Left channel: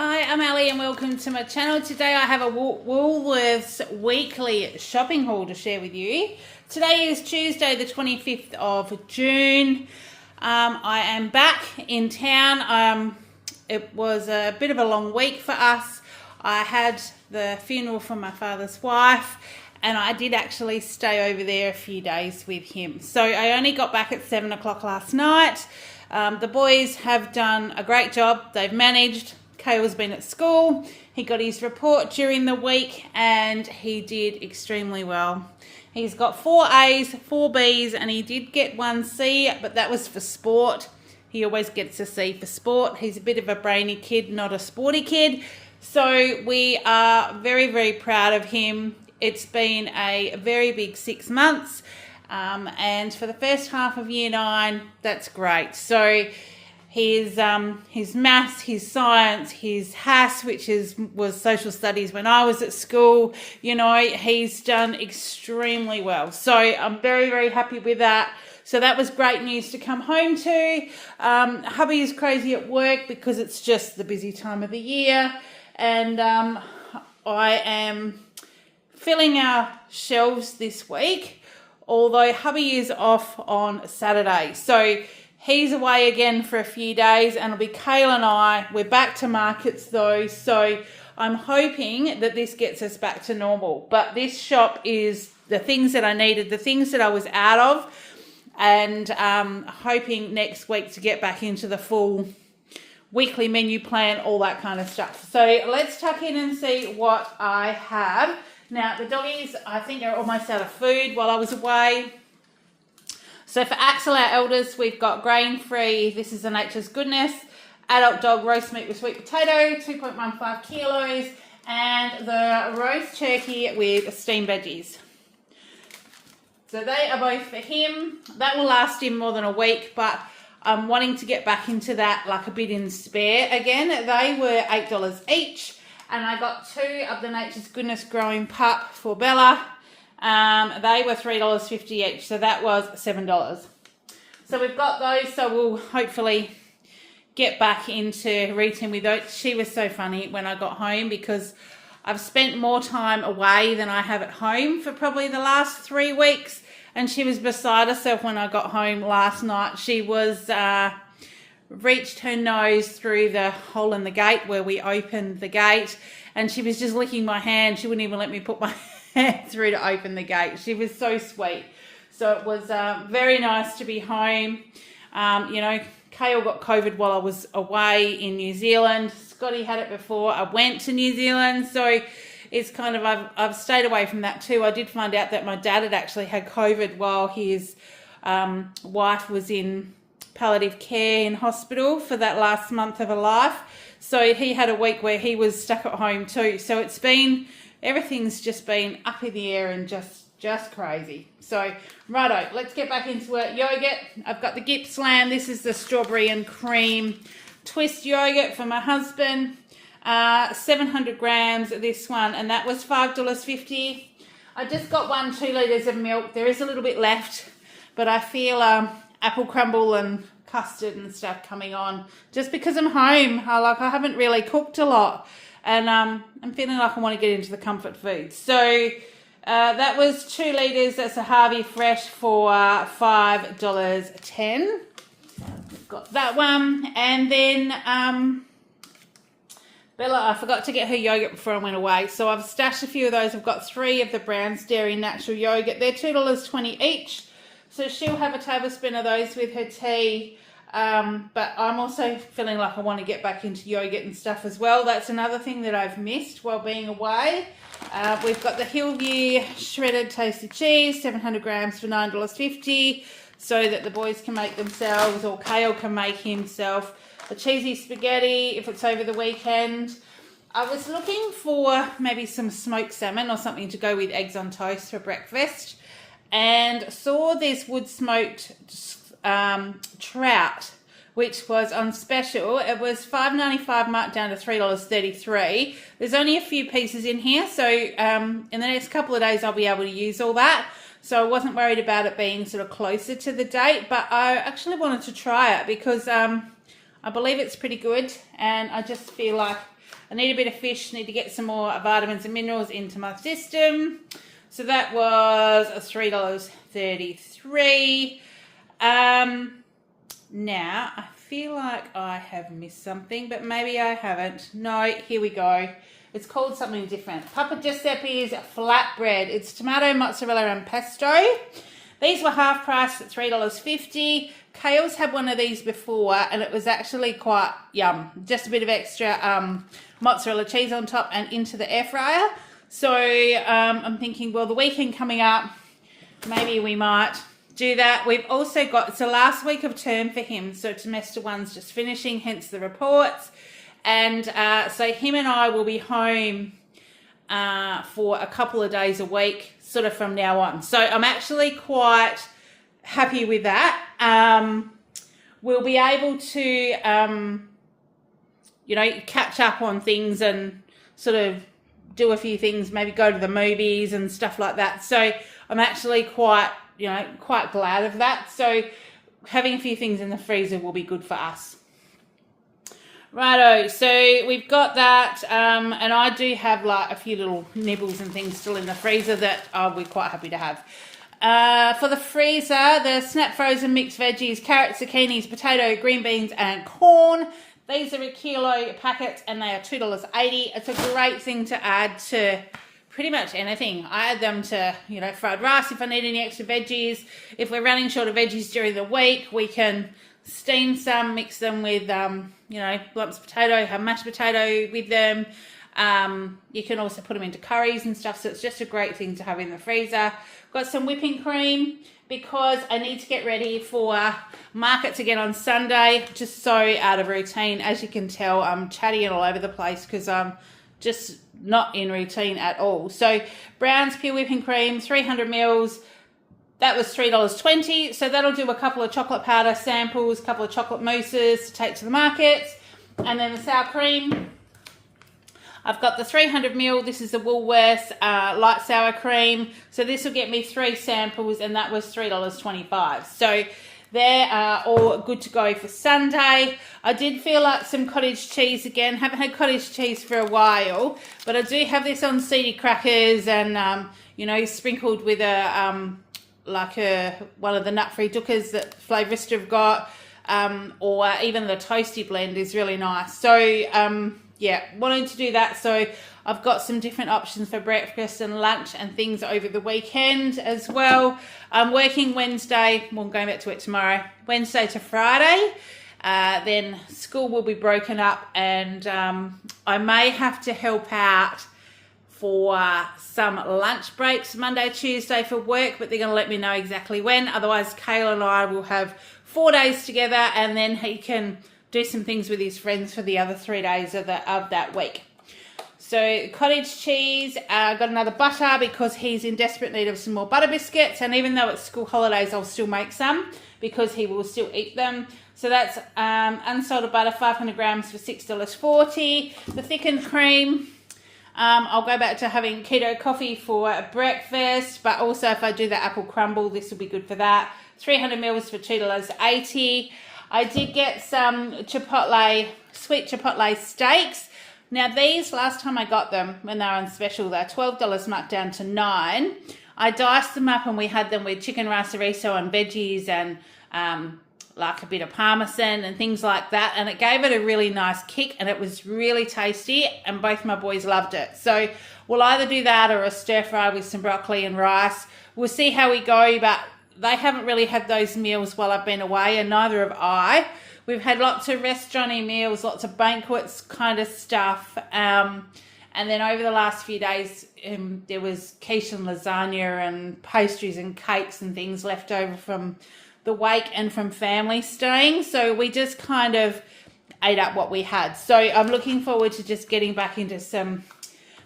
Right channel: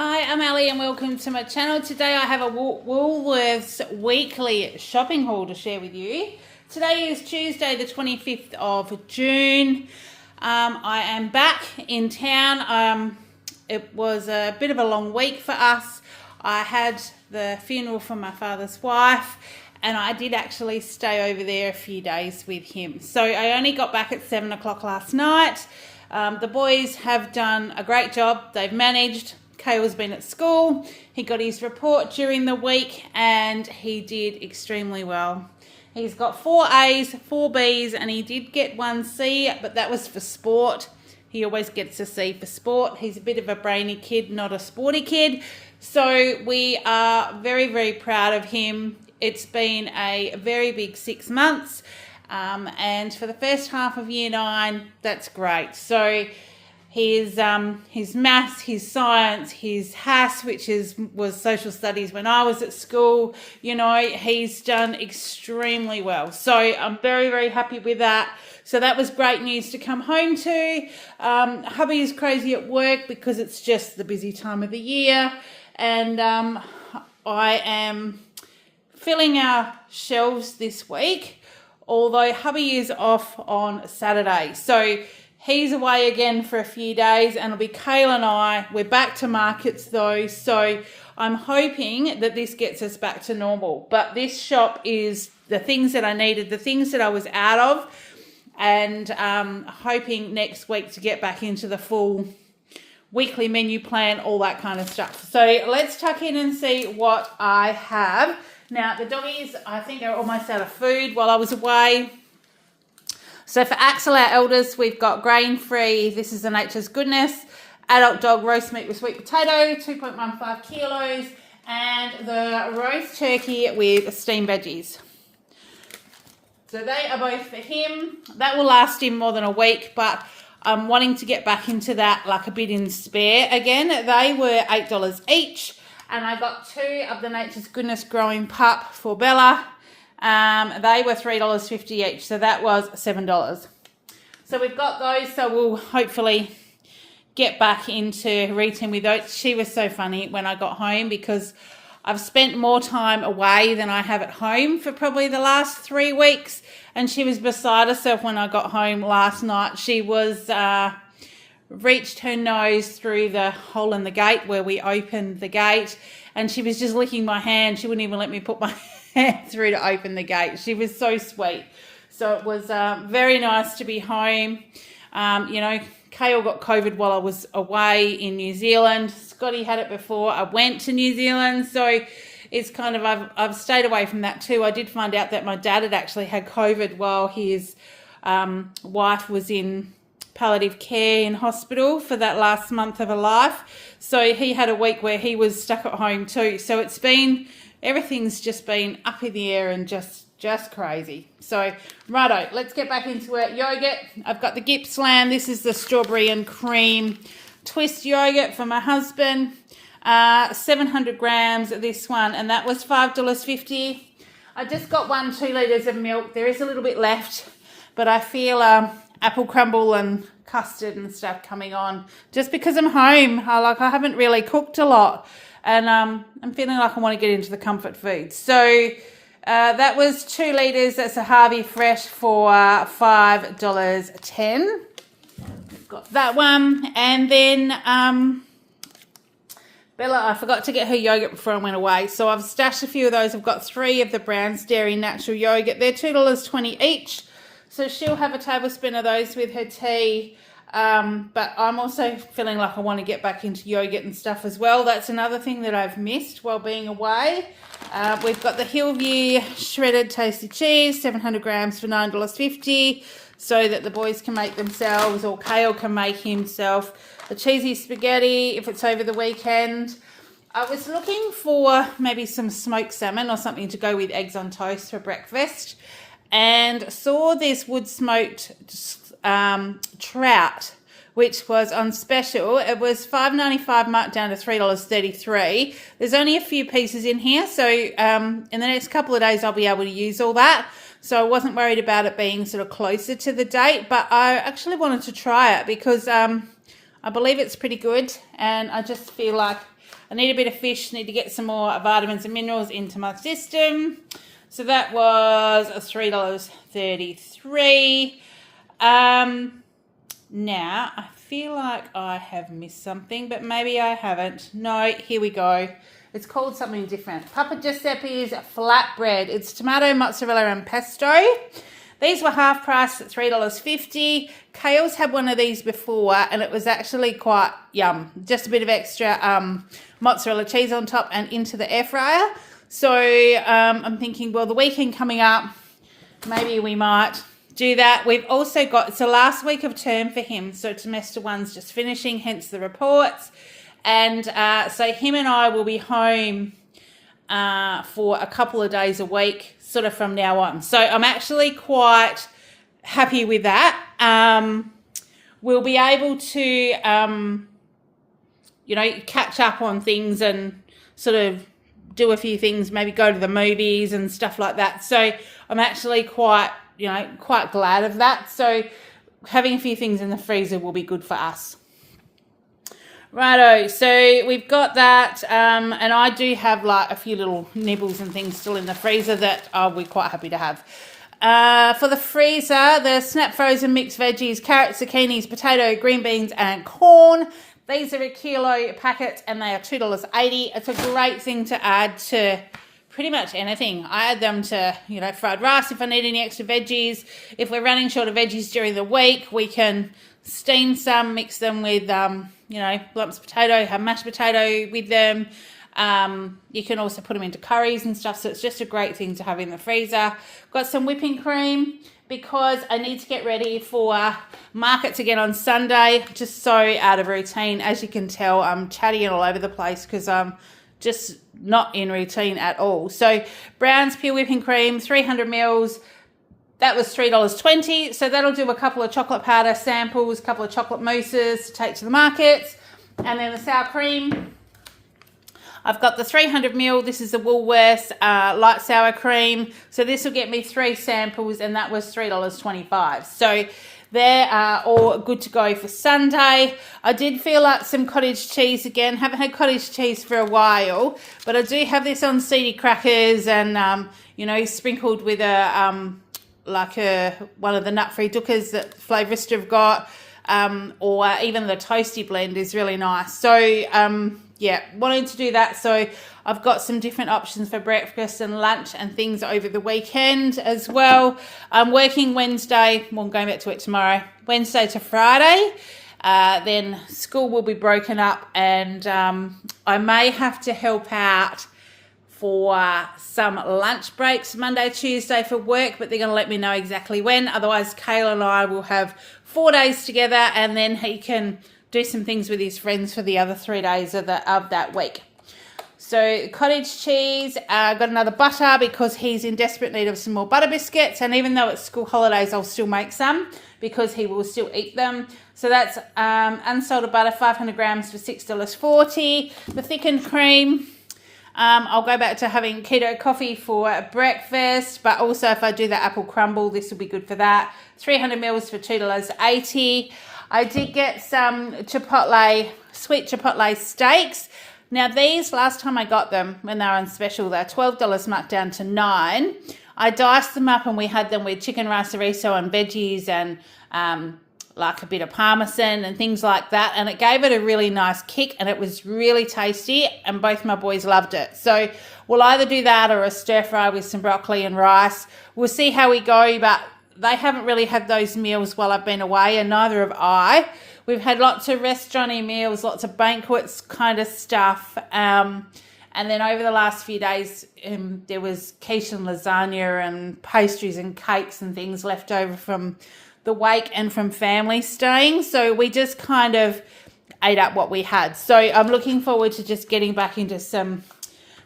Hi, I'm Ali and welcome to my channel. Today I have a Woolworths weekly shopping haul to share with you. Today is Tuesday the 25th of June. I am back in town. It was a bit of a long week for us. I had the funeral for my father's wife and I did actually stay over there a few days with him. So I only got back at 7 o'clock last night. The boys have done a great job. They've managed. Kale's been at school. He got his report during the week and he did extremely well. He's got 4 A's, 4 B's, and he did get 1 C, but that was for sport. He always gets a C for sport. He's a bit of a brainy kid, not a sporty kid. So we are very, very proud of him. It's been a very big 6 months. And for the first half of year 9, that's great. So his maths, his science, his HAS, which was social studies when I was at school, you know, he's done extremely well. So I'm very, very happy with that. So that was great news to come home to. Hubby is crazy at work because it's just the busy time of the year. And I am filling our shelves this week, although hubby is off on Saturday. So he's away again for a few days and it'll be Kale and I. We're back to markets though, so I'm hoping that this gets us back to normal. But this shop is the things that I needed, the things that I was out of, and hoping next week to get back into the full weekly menu plan, all that kind of stuff. So let's tuck in and see what I have. Now the doggies, I think are almost out of food while I was away. So for Axel, our eldest, we've got grain-free, this is the Nature's Goodness, adult dog roast meat with sweet potato, 2.15 kilos, and the roast turkey with steamed veggies. So they are both for him. That will last him more than a week, but I'm wanting to get back into that like a bit in spare again. They were $8 each, and I got 2 of the Nature's Goodness growing pup for Bella. They were $3.50 each, so that was $7. So we've got those, so we'll hopefully get back into eating with those. She was so funny when I got home because I've spent more time away than I have at home for probably the last 3 weeks, and she was beside herself when I got home last night. She was reached her nose through the hole in the gate where we opened the gate, and she was just licking my hand. She wouldn't even let me put my hand through to open the gate. She was so sweet. So it was very nice to be home. You know, Kale got COVID while I was away in New Zealand. Scotty had it before I went to New Zealand. So it's kind of, I've stayed away from that too. I did find out that my dad had actually had COVID while his wife was in palliative care in hospital for that last month of her life. So he had a week where he was stuck at home too. So it's been, everything's just been up in the air and just crazy. So, righto, let's get back into it. Yogurt, I've got the Gippsland. This is the strawberry and cream twist yogurt for my husband. 700 grams of this one, and that was $5.50. I just got 2 litres of milk. There is a little bit left, but I feel apple crumble and custard and stuff coming on just because I'm home. I haven't really cooked a lot. And I'm feeling like I want to get into the comfort food. So that was 2 litres. That's a Harvey Fresh for $5.10. We've got that one. And then Bella, I forgot to get her yogurt before I went away. So I've stashed a few of those. I've got 3 of the Brown's Dairy Natural Yogurt. They're $2.20 each. So she'll have a tablespoon of those with her tea. But I'm also feeling like I want to get back into yogurt and stuff as well. That's another thing that I've missed while being away. We've got the Hillview shredded tasty cheese, 700 grams for $9.50, so that the boys can make themselves, or Kale can make himself, a cheesy spaghetti if it's over the weekend. I was looking for maybe some smoked salmon or something to go with eggs on toast for breakfast, and saw this wood smoked trout, which was on special. It was $5.95 marked down to $3.33. There's only a few pieces in here, so in the next couple of days I'll be able to use all that. So I wasn't worried about it being sort of closer to the date, but I actually wanted to try it because I believe it's pretty good, and I just feel like I need a bit of fish, need to get some more vitamins and minerals into my system. So that was $3.33. Now, I feel like I have missed something, but maybe I haven't. No, here we go. It's called something different. Papa Giuseppe's flatbread. It's tomato, mozzarella, and pesto. These were half price at $3.50. Kale's had one of these before, and it was actually quite yum. Just a bit of extra mozzarella cheese on top and into the air fryer. So I'm thinking, well, the weekend coming up, maybe we might do that. We've also got, it's the last week of term for him, so semester one's just finishing, hence the reports. And so him and I will be home for a couple of days a week, sort of from now on. So I'm actually quite happy with that. We'll be able to, you know, catch up on things and sort of do a few things, maybe go to the movies and stuff like that. So I'm actually quite, you know, quite glad of that. So having a few things in the freezer will be good for us. Righto, so we've got that, and I do have like a few little nibbles and things still in the freezer that I'll be quite happy to have. For the freezer, the snap frozen mixed veggies, carrots, zucchinis, potato, green beans, and corn. These are a kilo packet, and they are $2.80. It's a great thing to add to pretty much anything. I add them to, you know, fried rice if I need any extra veggies. If we're running short of veggies during the week, we can steam some, mix them with, you know, lumps of potato, have mashed potato with them. You can also put them into curries and stuff, so it's just a great thing to have in the freezer. Got some whipping cream because I need to get ready for markets again on Sunday. Just so out of routine. As you can tell, I'm chatting all over the place because I'm just not in routine at all. So Brown's pure whipping cream, 300 mils. That was $3.20, so that'll do a couple of chocolate powder samples, a couple of chocolate mousses to take to the markets. And then the sour cream, I've got the 300 ml, this is the Woolworths light sour cream. So this will get me 3 samples, and that was $3.25. So they're all good to go for Sunday. I did feel like some cottage cheese again. Haven't had cottage cheese for a while, but I do have this on seedy crackers and, you know, sprinkled with a... one of the nut-free dookas that Flavourista have got, or even the toasty blend is really nice. So, yeah, wanting to do that. So I've got some different options for breakfast and lunch and things over the weekend as well. I'm working Wednesday, well, I'm going back to it tomorrow, Wednesday to Friday. Then school will be broken up, and I may have to help out for some lunch breaks Monday, Tuesday for work, but they're going to let me know exactly when. Otherwise, Kayla and I will have 4 days together, and then he can do some things with his friends for the other 3 days of that week. So cottage cheese, got another butter because he's in desperate need of some more butter biscuits, and even though it's school holidays, I'll still make some because he will still eat them. So that's unsalted butter, 500 grams for $6.40. The thickened cream, I'll go back to having keto coffee for breakfast, but also if I do the apple crumble, this will be good for that. 300 mils for $2.80. I did get some sweet chipotle steaks. Now these, last time I got them when they were on special, they're $12 marked down to $9. I diced them up and we had them with chicken rice-a-riso and veggies and like a bit of parmesan and things like that, and it gave it a really nice kick, and it was really tasty, and both my boys loved it. So we'll either do that or a stir fry with some broccoli and rice. We'll see how we go, but they haven't really had those meals while I've been away, and neither have I. We've had lots of restaurant-y meals, lots of banquets kind of stuff, and then over the last few days there was quiche and lasagna and pastries and cakes and things left over from the wake and from family staying, so we just kind of ate up what we had. So I'm looking forward to just getting back into some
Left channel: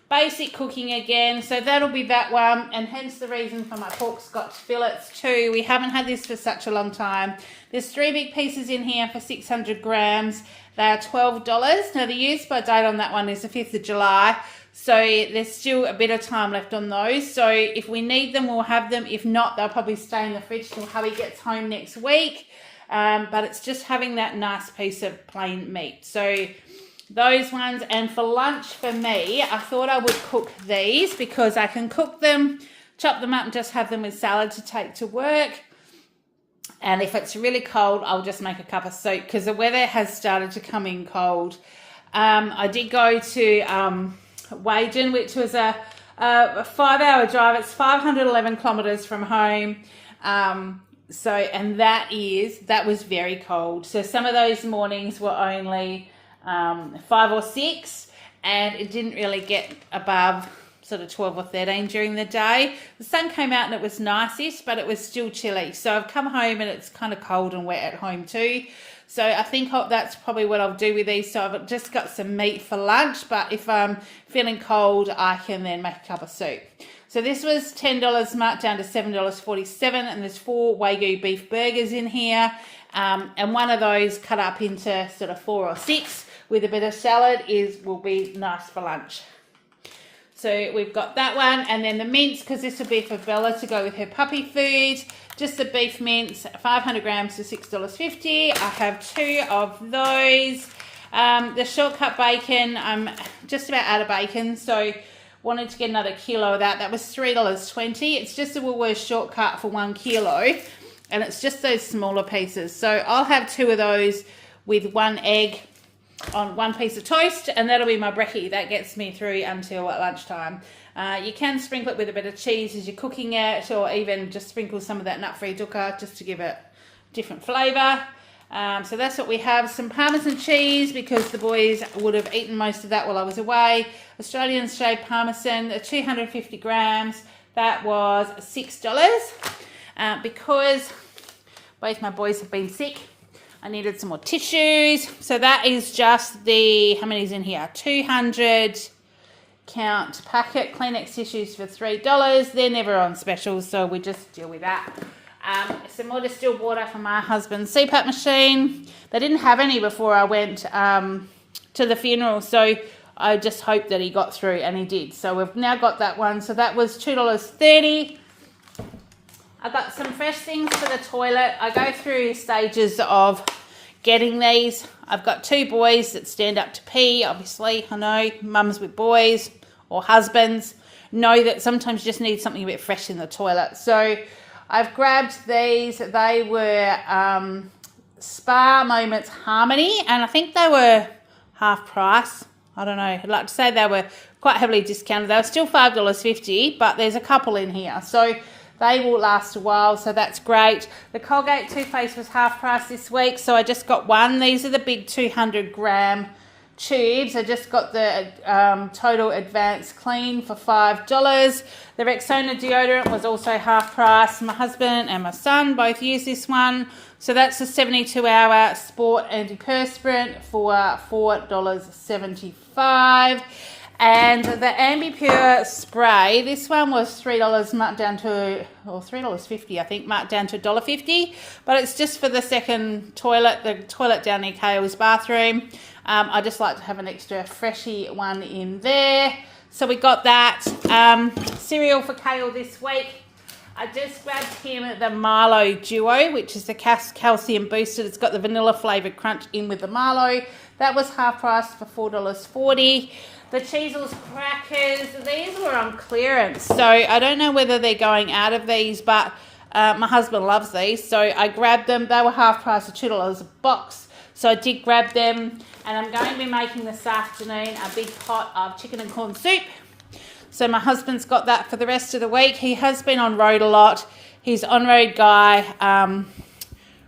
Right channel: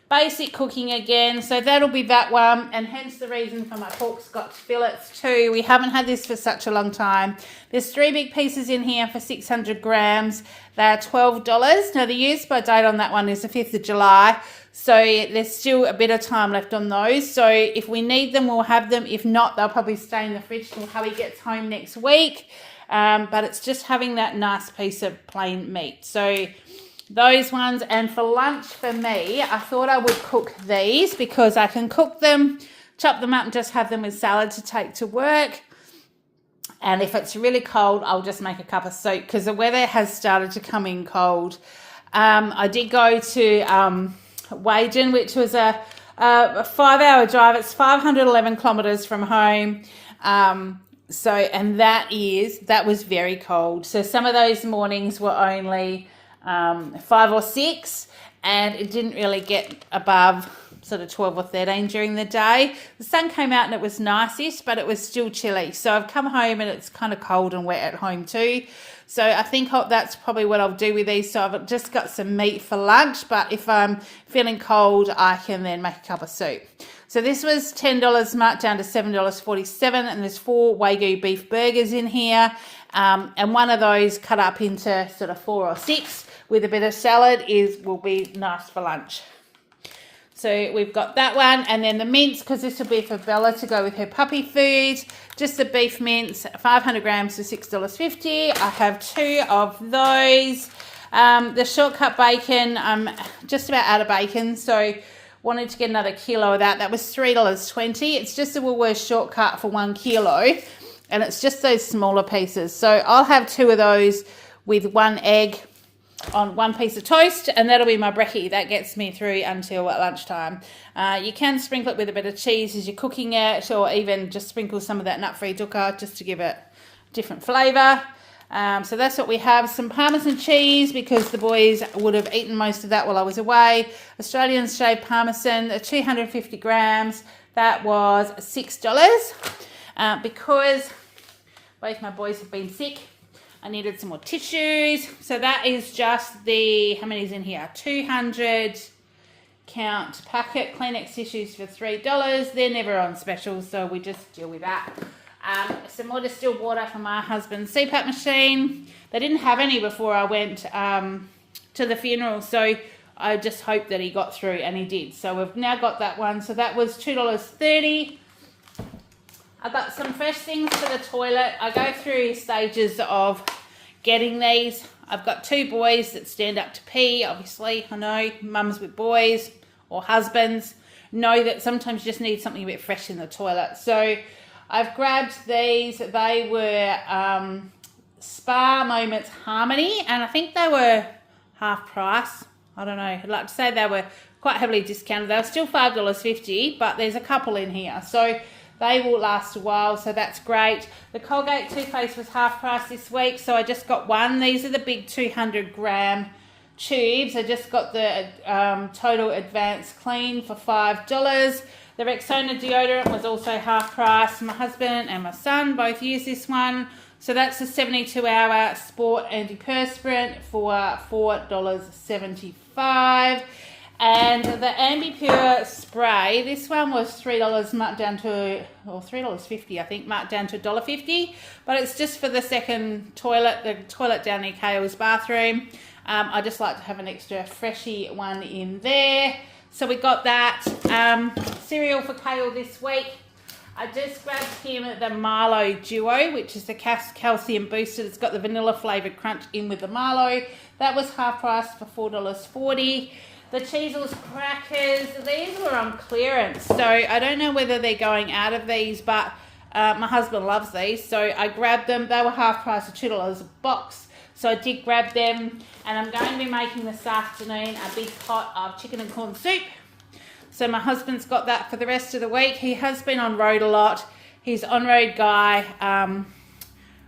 basic cooking again. So that'll be that one, and hence the reason for my pork scotch fillets too. We haven't had this for such a long time. There's 3 big pieces in here for 600 grams. They're $12. Now the use by date on that one is the 5th of July. So there's still a bit of time left on those. So if we need them, we'll have them. If not, they'll probably stay in the fridge till hubby gets home next week. but it's just having that nice piece of plain meat. So those ones. And for lunch for me, I thought I would cook these because I can cook them, chop them up and just have them with salad to take to work. And if it's really cold, I'll just make a cup of soup because the weather has started to come in cold. I did go to Wagen, which was a 5-hour drive. It's 511 kilometres from home. And that was very cold. So some of those mornings were only 5 or 6, and it didn't really get above sort of 12 or 13 during the day. The sun came out and it was nicest, but it was still chilly. So I've come home and it's kind of cold and wet at home too. So I think that's probably what I'll do with these. So I've just got some meat for lunch, but if I'm feeling cold, I can then make a cup of soup. So this was $10 marked down to $7.47, and there's 4 Wagyu beef burgers in here, and one of those cut up into sort of 4 or 6 with a bit of salad will be nice for lunch. So we've got that one, and then the mince, because this will be for Bella to go with her puppy food. Just the beef mince, 500 grams for $6.50. I have 2 of those. The shortcut bacon, I'm just about out of bacon, so wanted to get another kilo of that. That was $3.20. It's just a Woolworths shortcut for 1 kilo, and it's just those smaller pieces. So I'll have 2 of those with 1 egg on 1 piece of toast, and that'll be my brekkie. That gets me through until lunchtime. You can sprinkle it with a bit of cheese as you're cooking it, or even just sprinkle some of that nut-free dukkha just to give it different flavour. So that's what we have. Some Parmesan cheese, because the boys would have eaten most of that while I was away. Australian shaved Parmesan, 250 grams. That was $6. Because both my boys have been sick, I needed some more tissues. So that is just how many's in here? 200 count packet Kleenex tissues for $3. They're never on special, so we just deal with that. Some more distilled water from my husband's CPAP machine. They didn't have any before I went to the funeral, so I just hoped that he got through, and he did. So we've now got that one. So that was $2.30. I got some fresh things for the toilet. I go through stages of getting these. I've got 2 boys that stand up to pee, obviously. I know mums with boys or husbands know that sometimes you just need something a bit fresh in the toilet. So I've grabbed these. They were Spa Moments Harmony, and I think they were half price. I don't know. I'd like to say they were quite heavily discounted. They were still $5.50, but there's a couple in here. So they will last a while, so that's great. The Colgate toothpaste was half price this week, so I just got 1. These are the big 200 gram tubes. I just got the Total Advanced Clean for $5. The Rexona deodorant was also half price. My husband and my son both use this one. So that's a 72-hour sport antiperspirant for $4.75. And the AmbiPure spray, this one was $3 marked down to, or $3.50 I think, marked down to $1.50. But it's just for the second toilet, the toilet down near Kale's bathroom. I just like to have an extra freshy one in there. So we got that. Cereal for Kale this week. I just grabbed him the Milo Duo, which is the calcium boosted. It's got the vanilla flavoured crunch in with the Milo. That was half price for $4.40. The Cheezels crackers, these were on clearance. So I don't know whether they're going out of these, but my husband loves these. So I grabbed them. They were half price of $2 a box. So I did grab them. And I'm going to be making this afternoon a big pot of chicken and corn soup. So my husband's got that for the rest of the week. He has been on road a lot. His on-road guy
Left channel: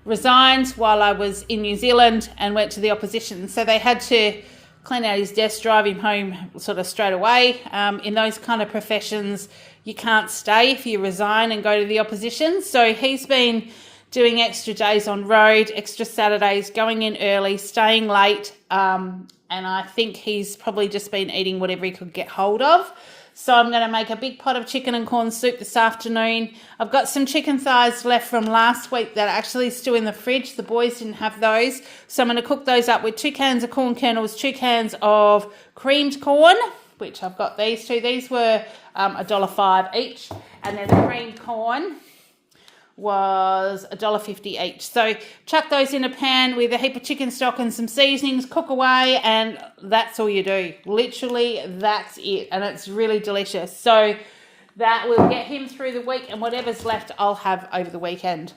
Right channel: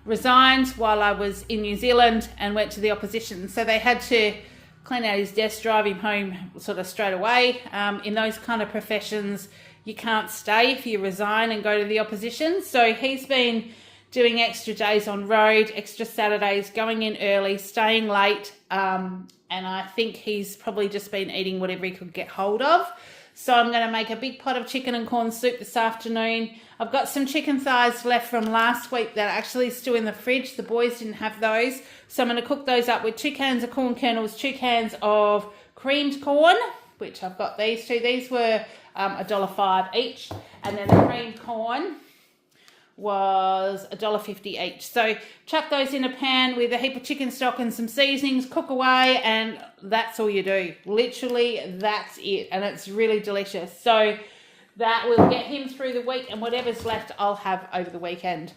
resigned while I was in New Zealand and went to the opposition. So they had to clean out his desk, drive him home sort of straight away. In those kind of professions, you can't stay if you resign and go to the opposition. So he's been doing extra days on road, extra Saturdays, going in early, staying late. And I think he's probably just been eating whatever he could get hold of. So I'm going to make a big pot of chicken and corn soup this afternoon. I've got some chicken thighs left from last week that are actually still in the fridge. The boys didn't have those. So I'm going to cook those up with 2 cans of corn kernels, 2 cans of creamed corn, which I've got these 2. These were $1.05 each. And then the creamed corn was $1.50 each. So chuck those in a pan with a heap of chicken stock and some seasonings, cook away, and that's all you do. Literally, that's it. And it's really delicious. So that will get him through the week, and whatever's left I'll have over the weekend.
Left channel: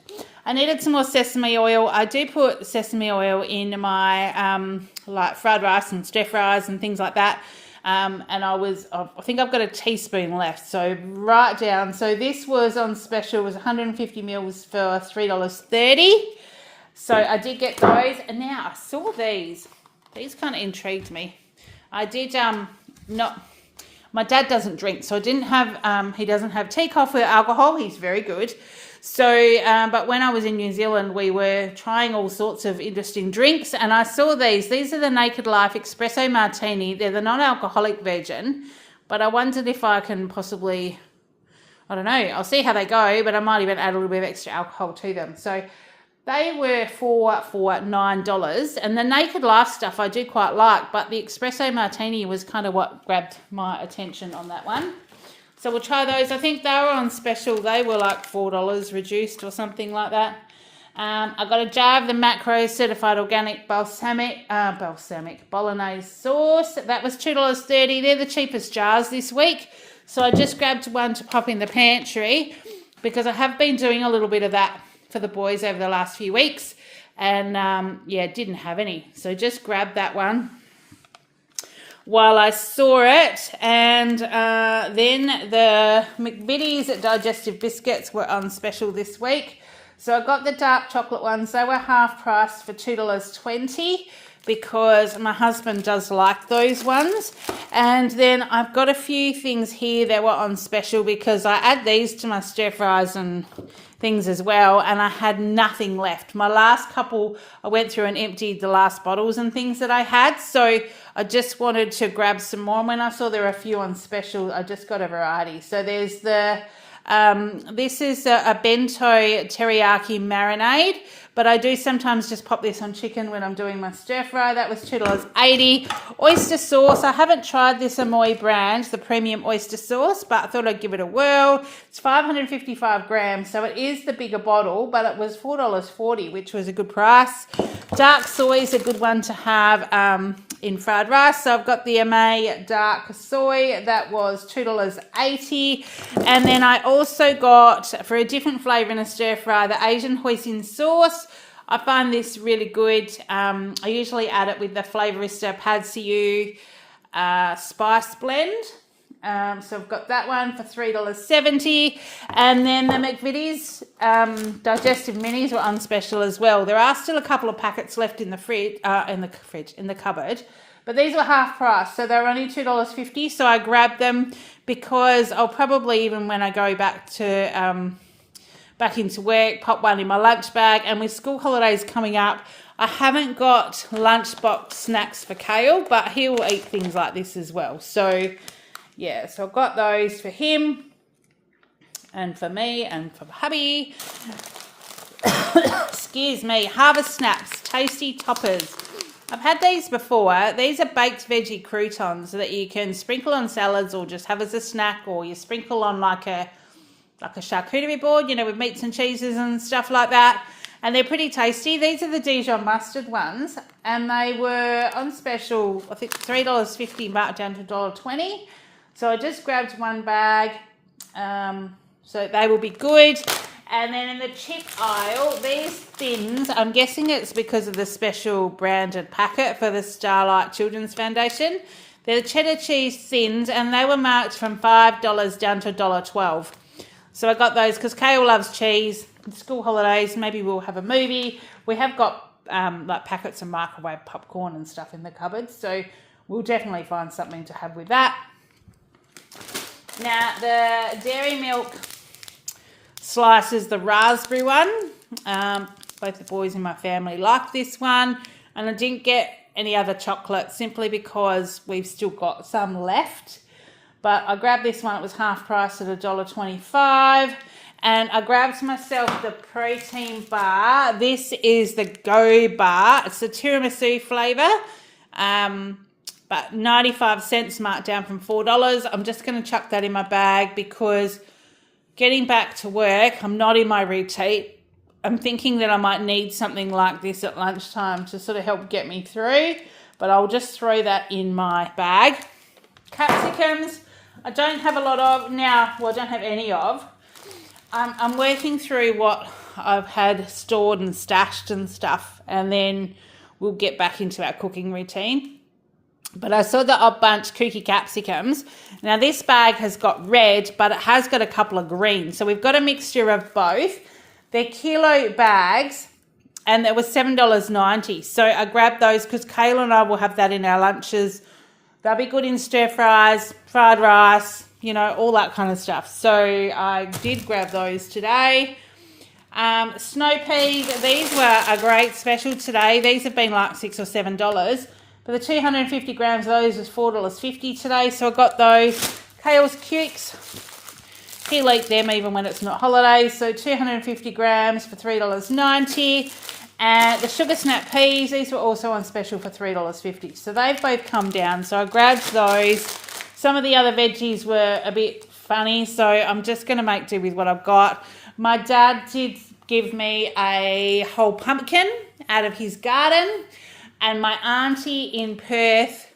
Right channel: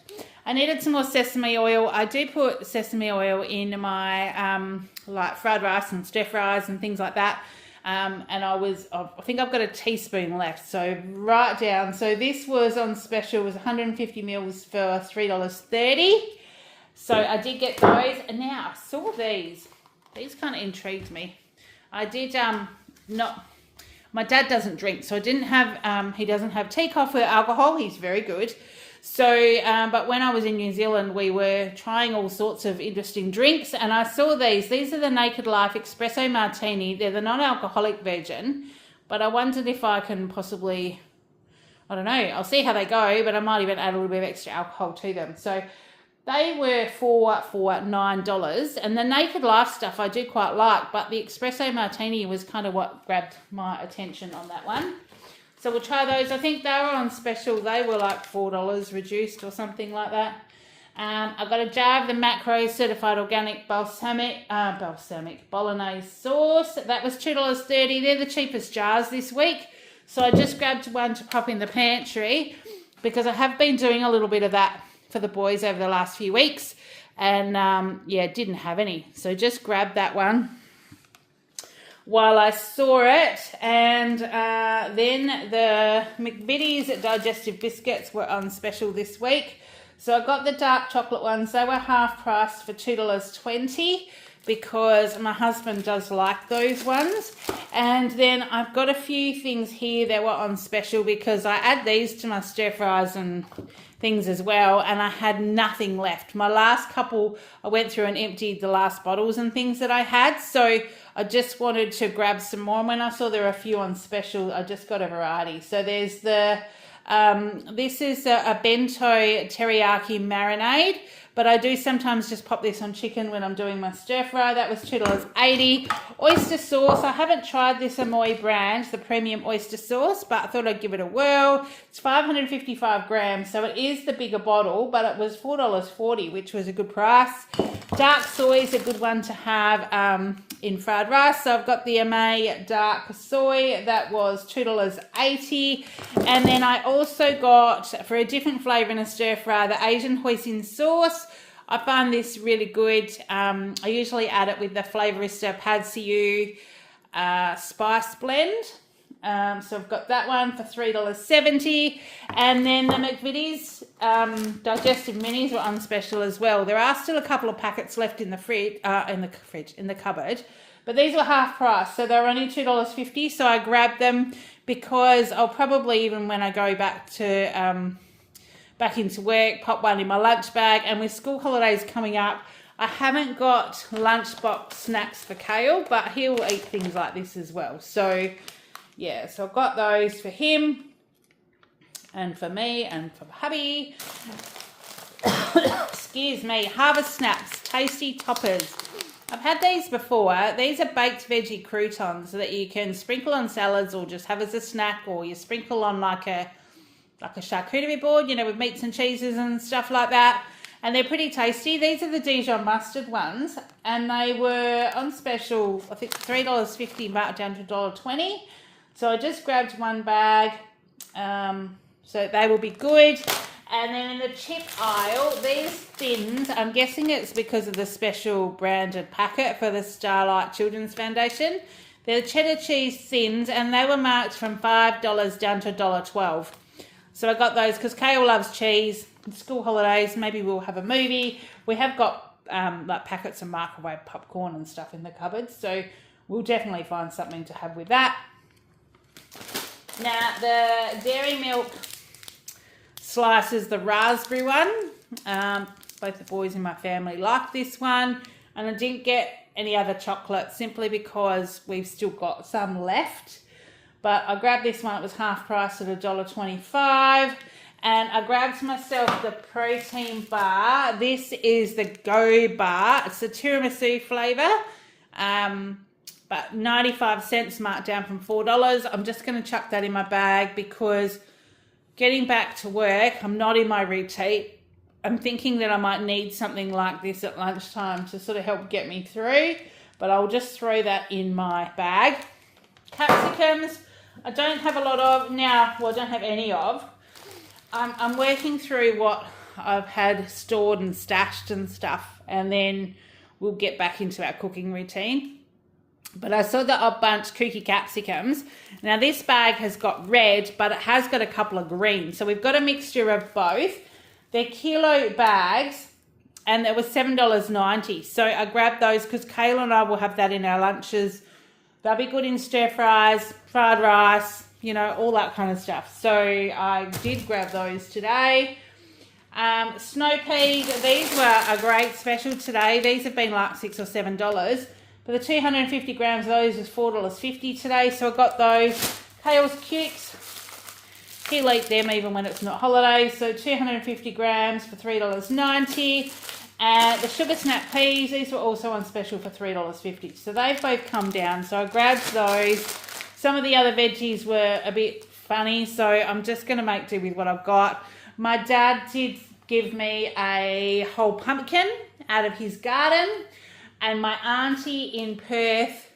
I needed some more sesame oil. I do put sesame oil in my like fried rice and stir fries and things like that. And I think I've got a teaspoon left, so right down. So this was on special, was 150 mils for $3.30. So I did get those, and now I saw these. These kind of intrigued me. I did not. My dad doesn't drink, so I didn't have. He doesn't have tea, coffee, or alcohol. He's very good. So, but when I was in New Zealand, we were trying all sorts of interesting drinks, and I saw these. These are the Naked Life Espresso Martini. They're the non-alcoholic version, but I wondered if I can possibly, I don't know, I'll see how they go, but I might even add a little bit of extra alcohol to them. So they were for $9, and the Naked Life stuff I do quite like, but the Espresso Martini was kind of what grabbed my attention on that one. So we'll try those. I think they were on special. They were like $4 reduced or something like that. I got a jar of the Macro Certified Organic Balsamic Bolognese sauce. That was $2.30. They're the cheapest jars this week. So I just grabbed one to pop in the pantry because I have been doing a little bit of that for the boys over the last few weeks. And yeah, didn't have any. So just grabbed that one while I saw it. And then the McVitie's digestive biscuits were on special this week. So I got the dark chocolate ones. They were half priced for $2.20 because my husband does like those ones. And then I've got a few things here that were on special because I add these to my stir fries and things as well, and I had nothing left. My last couple, I went through and emptied the last bottles and things that I had, so I just wanted to grab some more. And when I saw there were a few on special, I just got a variety. So there's the, this is a bento teriyaki marinade, but I do sometimes just pop this on chicken when I'm doing my stir fry. That was $2.80. Oyster sauce. I haven't tried this Amoy brand, the premium oyster sauce, but I thought I'd give it a whirl. It's 555 grams, so it is the bigger bottle, but it was $4.40, which was a good price. Dark soy is a good one to have in fried rice. So I've got the MA dark soy. That was $2.80. And then I also got, for a different flavour in a stir fry, the Asian hoisin sauce. I find this really good. I usually add it with the Flavourista Peachiee spice blend. So I've got that one for $3.70. And then the McVitie's digestive minis were on special as well. There are still a couple of packets left in the in the cupboard, but these were half price, so they're only $2.50. So I grabbed them because I'll probably, even when I go back to back into work, pop one in my lunch bag. And with school holidays coming up, I haven't got lunchbox snacks for Kale, but he'll eat things like this as well. So yeah, so I've got those for him and for me and for hubby. Excuse me. Harvest Snaps, tasty toppers. I've had these before. These are baked veggie croutons that you can sprinkle on salads or just have as a snack, or you sprinkle on like a charcuterie board, you know, with meats and cheeses and stuff like that. And they're pretty tasty. These are the Dijon mustard ones, and they were on special, I think $3.50 marked down to $1.20. So I just grabbed one bag, so they will be good. And then in the chip aisle, these thins, I'm guessing it's because of the special branded packet for the Starlight Children's Foundation. They're cheddar cheese thins, and they were marked from $5 down to $1.12. So I got those because Kale loves cheese. School holidays, maybe we'll have a movie. We have got like packets of microwave popcorn and stuff in the cupboard, so we'll definitely find something to have with that. Now the dairy milk slices, the raspberry one. Both the boys in my family like this one, and I didn't get any other chocolate simply because we've still got some left. But I grabbed this one. It was half price at $1.25. And I grabbed myself the protein bar. This is the Go Bar. It's the tiramisu flavour. But 95 cents marked down from $4. I'm just going to chuck that in my bag because getting back to work, I'm not in my routine. I'm thinking that I might need something like this at lunchtime to sort of help get me through, but I'll just throw that in my bag. Capsicums, I don't have a lot of now. Well, I don't have any of. I'm working through what I've had stored and stashed and stuff, and then we'll get back into our cooking routine. But I saw the Odd Bunch cookie capsicums. Now this bag has got red, but it has got a couple of green. So we've got a mixture of both. They're kilo bags, and it was $7.90. So I grabbed those because Kayla and I will have that in our lunches. They'll be good in stir fries, fried rice, you know, all that kind of stuff. So I did grab those today. Snow peas, these were a great special today. These have been like $6 or $7. But the 250 grams of those is $4.50 today. So I got those. Kale's cukes. He'll eat them even when it's not holidays. So 250 grams for $3.90. And the sugar snap peas, these were also on special for $3.50. So they've both come down. So I grabbed those. Some of the other veggies were a bit funny, so I'm just going to make do with what I've got. My dad did give me a whole pumpkin out of his garden. And my auntie in Perth,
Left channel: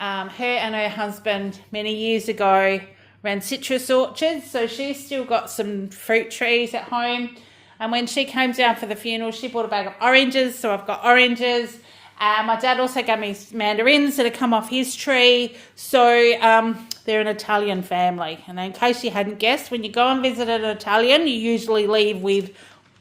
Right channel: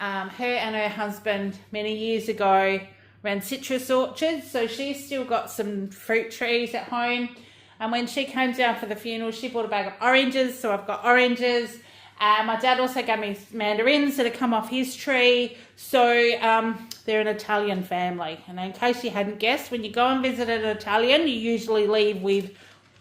her and her husband many years ago ran citrus orchards. So she's still got some fruit trees at home. And when she came down for the funeral, she bought a bag of oranges. So I've got oranges. My dad also gave me mandarins that had come off his tree. So they're an Italian family. And in case you hadn't guessed, when you go and visit an Italian, you usually leave with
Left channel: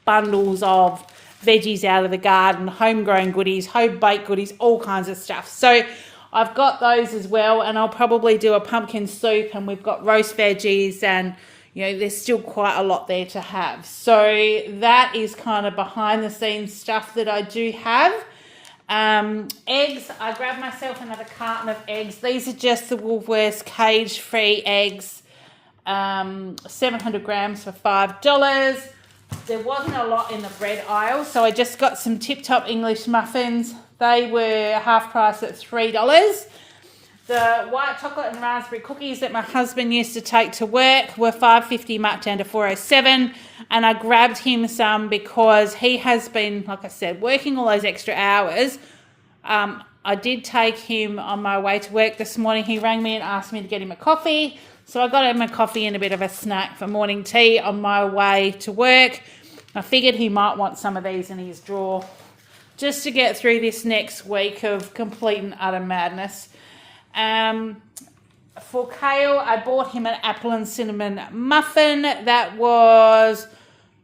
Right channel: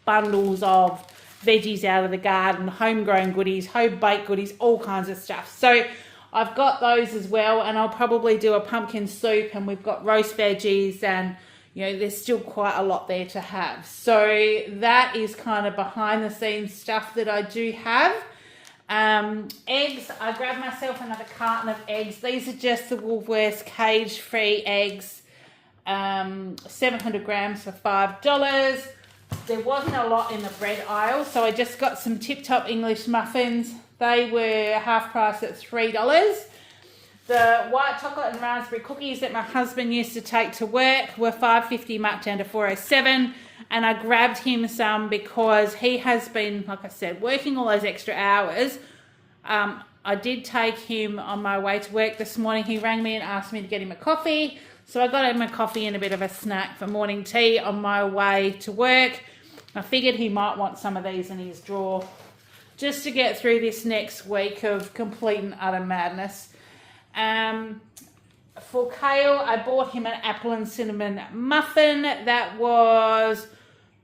bundles of veggies out of the garden, homegrown goodies, home-baked goodies, all kinds of stuff. So I've got those as well, and I'll probably do a pumpkin soup, and we've got roast veggies, and you know, there's still quite a lot there to have. So that is kind of behind the scenes stuff that I do have. Eggs, I grabbed myself another carton of eggs. These are just the Woolworths cage-free eggs, 700 grams for $5. There wasn't a lot in the bread aisle, so I just got some Tip Top English muffins. They were half price at $3. The white chocolate and raspberry cookies that my husband used to take to work were $5.50 marked down to $4.07, and I grabbed him some because he has been, like I said, working all those extra hours. I did take him on my way to work this morning. He rang me and asked me to get him a coffee. So I got him a coffee and a bit of a snack for morning tea on my way to work. I figured he might want some of these in his drawer just to get through this next week of complete and utter madness. For Kale, I bought him an apple and cinnamon muffin. That was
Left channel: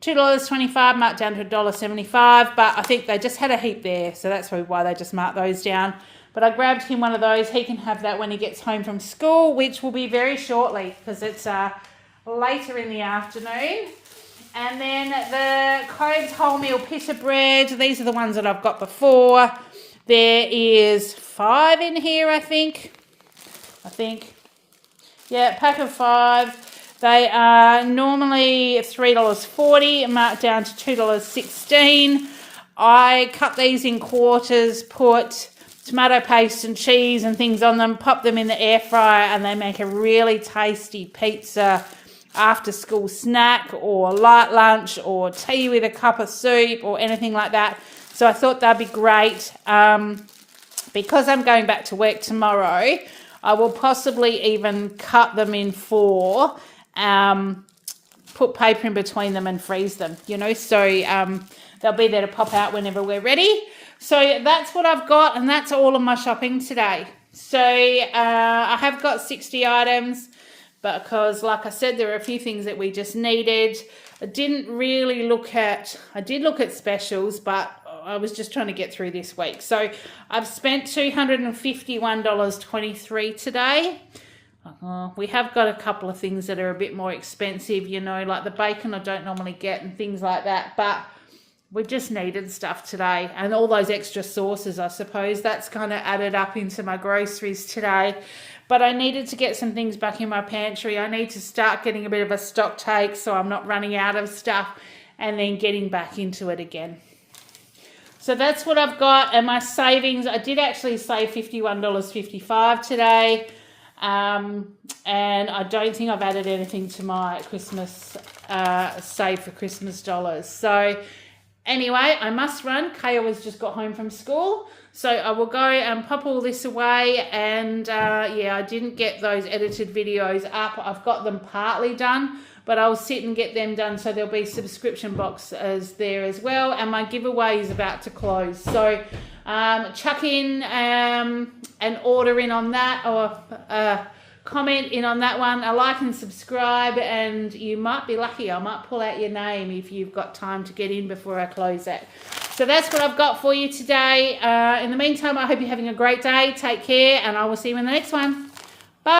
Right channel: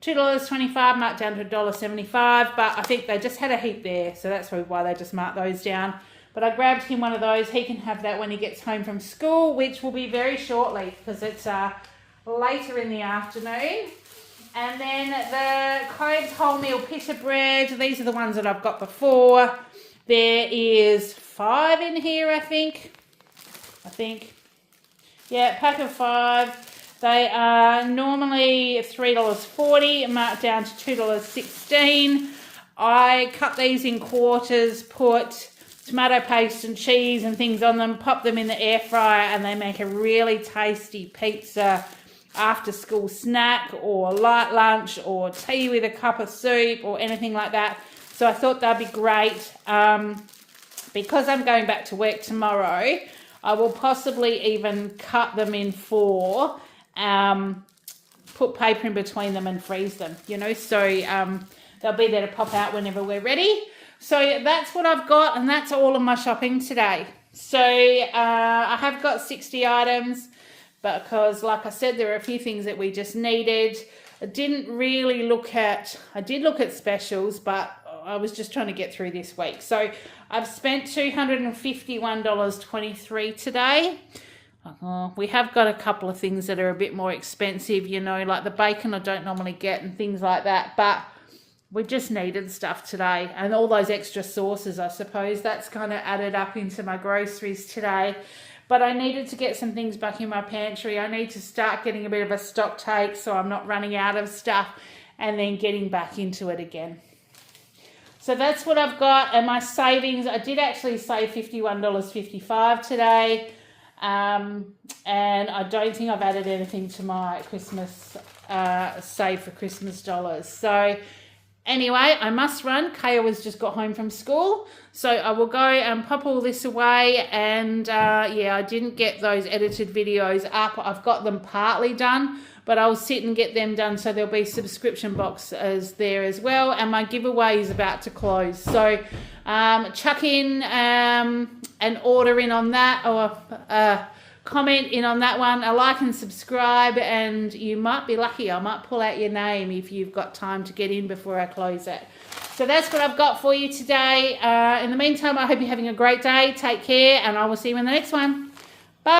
$2.25, marked down to $1.75, but I think they just had a heap there, so that's probably why they just marked those down. But I grabbed him one of those. He can have that when he gets home from school, which will be very shortly because it's later in the afternoon. And then the Codes wholemeal pita bread. These are the ones that I've got before. There is 5 in here, I think. Yeah, pack of 5. They are normally $3.40, marked down to $2.16. I cut these in quarters, put tomato paste and cheese and things on them, pop them in the air fryer, and they make a really tasty pizza after school snack or light lunch or tea with a cup of soup or anything like that. So I thought that'd be great. Because I'm going back to work tomorrow, I will possibly even cut them in 4, put paper in between them and freeze them, you know, so they'll be there to pop out whenever we're ready. So that's what I've got, and that's all of my shopping today. So I have got 60 items, but because, like I said, there are a few things that we just needed. I did look at specials, but I was just trying to get through this week. So I've spent $251.23 today. We have got a couple of things that are a bit more expensive, you know, like the bacon I don't normally get and things like that, but we just needed stuff today, and all those extra sauces, I suppose, that's kind of added up into my groceries today. But I needed to get some things back in my pantry. I need to start getting a bit of a stock take so I'm not running out of stuff and then getting back into it again. So that's what I've got, and my savings, I did actually save $51.55 today. And I don't think I've added anything to my Christmas save for Christmas dollars. So anyway, I must run. Kaya has just got home from school. So I will go and pop all this away. And yeah, I didn't get those edited videos up. I've got them partly done, but I'll sit and get them done. So there'll be subscription boxes there as well. And my giveaway is about to close. So chuck in an order in on that, or comment in on that one, a like and subscribe, and you might be lucky. I might pull out your name if you've got time to get in before I close that. So that's what I've got for you today. In the meantime, I hope you're having a great day. Take care, and I will see you in the next one.